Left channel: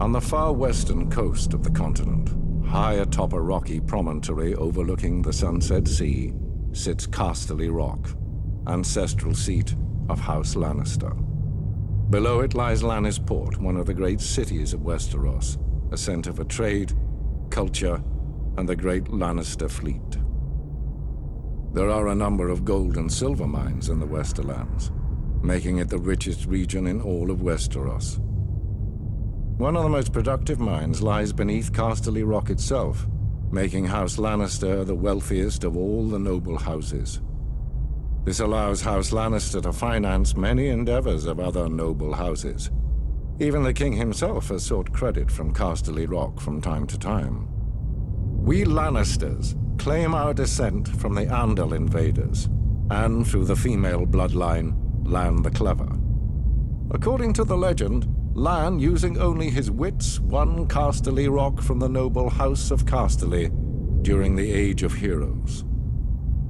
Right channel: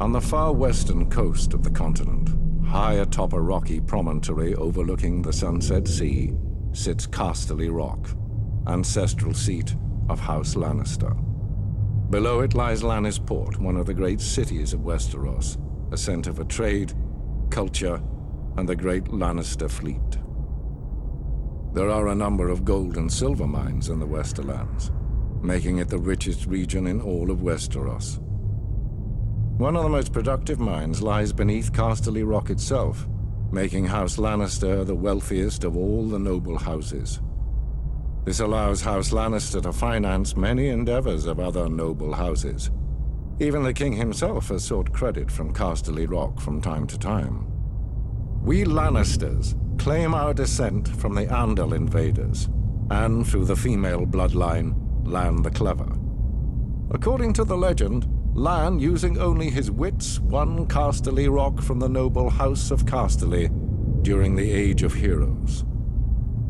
On the far western coast of the continent, high atop a rocky promontory overlooking the Sunset Sea, sits Casterly Rock, ancestral seat of House Lannister. Below it lies Lannisport, one of the great cities of Westeros, a center for trade, culture, and the great Lannister fleet. There are a number of gold and silver mines in the Westerlands, making it the richest region in all of Westeros. One of the most productive mines lies beneath Casterly Rock itself, making House Lannister the wealthiest of all the noble houses. This allows House Lannister to finance many endeavors of other noble houses. Even the king himself has sought credit from Casterly Rock from time to time. We Lannisters claim our descent from the Andal invaders, and through the female bloodline, Lann the Clever. According to the legend, Lann, using only his wits, won Casterly Rock from the noble House of Casterly during the Age of Heroes.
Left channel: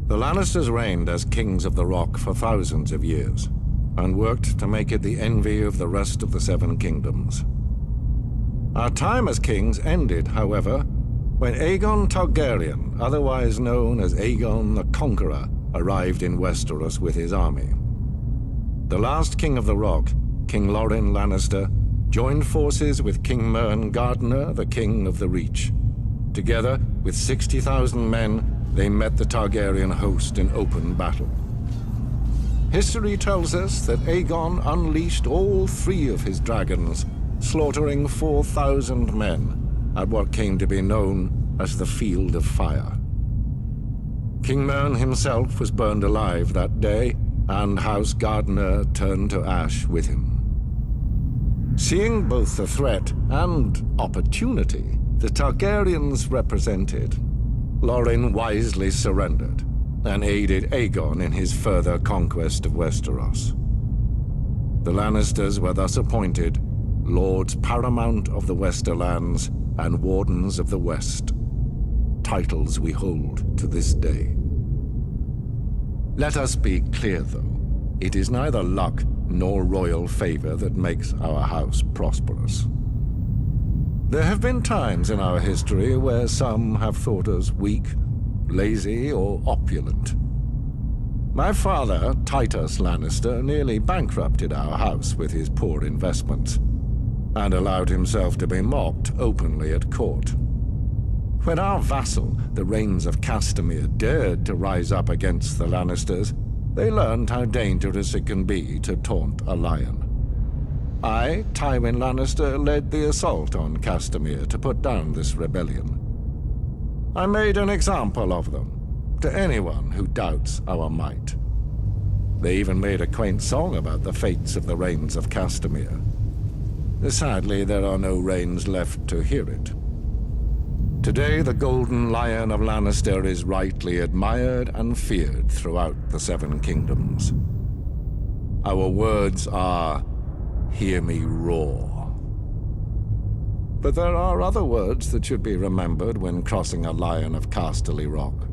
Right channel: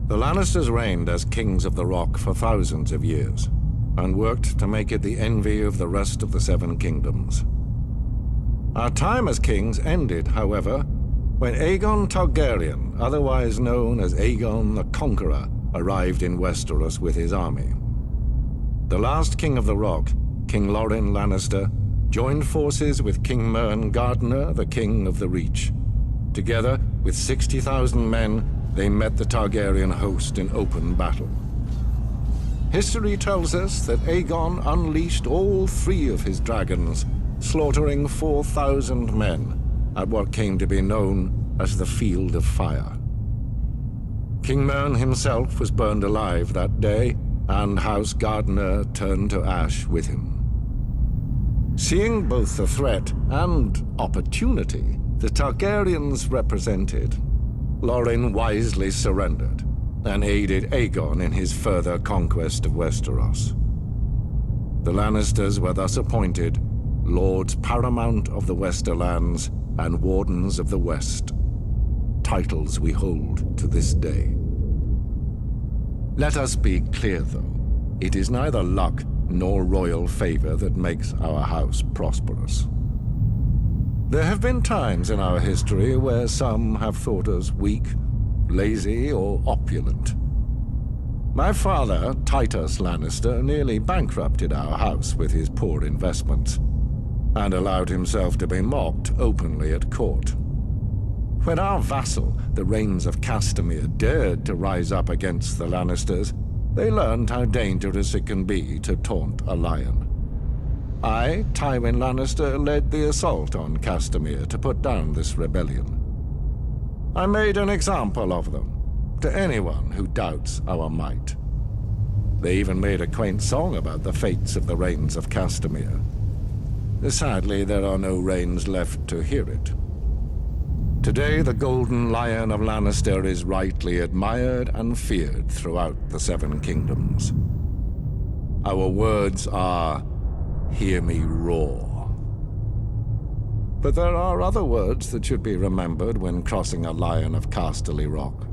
The Lannisters reigned as kings of the Rock for thousands of years, and worked to make it the envy of the rest of the Seven Kingdoms. Our time as kings ended, however, when Aegon Targaryen, otherwise known as Aegon the Conqueror, arrived in Westeros with his army. The last king of the Rock, King Loren Lannister, joined forces with King Mern Gardener, the king of the Reach. Together, with 60,000 men, they met the Targaryen host in open battle. History tells us that Aegon unleashed all 3 of his dragons, slaughtering 4,000 men at what came to be known as the Field of Fire. King Mern himself was burned alive that day, and House Gardener turned to ash with him. Seeing both the threat and opportunity the Targaryens represented, Loren wisely surrendered and aided Aegon in his further conquest of Westeros. The Lannisters were thus appointed Lords Paramount of the Westerlands and Wardens of the West, titles we hold to this day. Let us be clear, though. It is neither luck nor royal favor that makes our house prosperous. There have been times in our history where some have thought us weak, lazy, or opulent. My father, Titus Lannister, nearly bankrupted our house with his poor investments, and allowed himself to be mocked openly at court. When our vassal, the Rains of Castamere, dared to rise up against the Lannisters, they learned how dangerous it can be to taunt a lion. I, Tywin Lannister, led the assault on Castamere to put down this rebellion. I made an example of them, to anyone who doubts our might. They even made a quaint song about the fates of the Rains of Castamere. Sadly, there are no Rains left to hear it. Today, the Golden Lion of Lannister is rightly admired and feared throughout the Seven Kingdoms. Our words are, "Hear me roar." But there are other words that should be remembered when crossing a lion of Casterly Rock.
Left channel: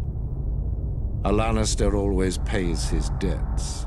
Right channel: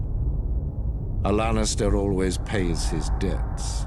A Lannister always pays his debts.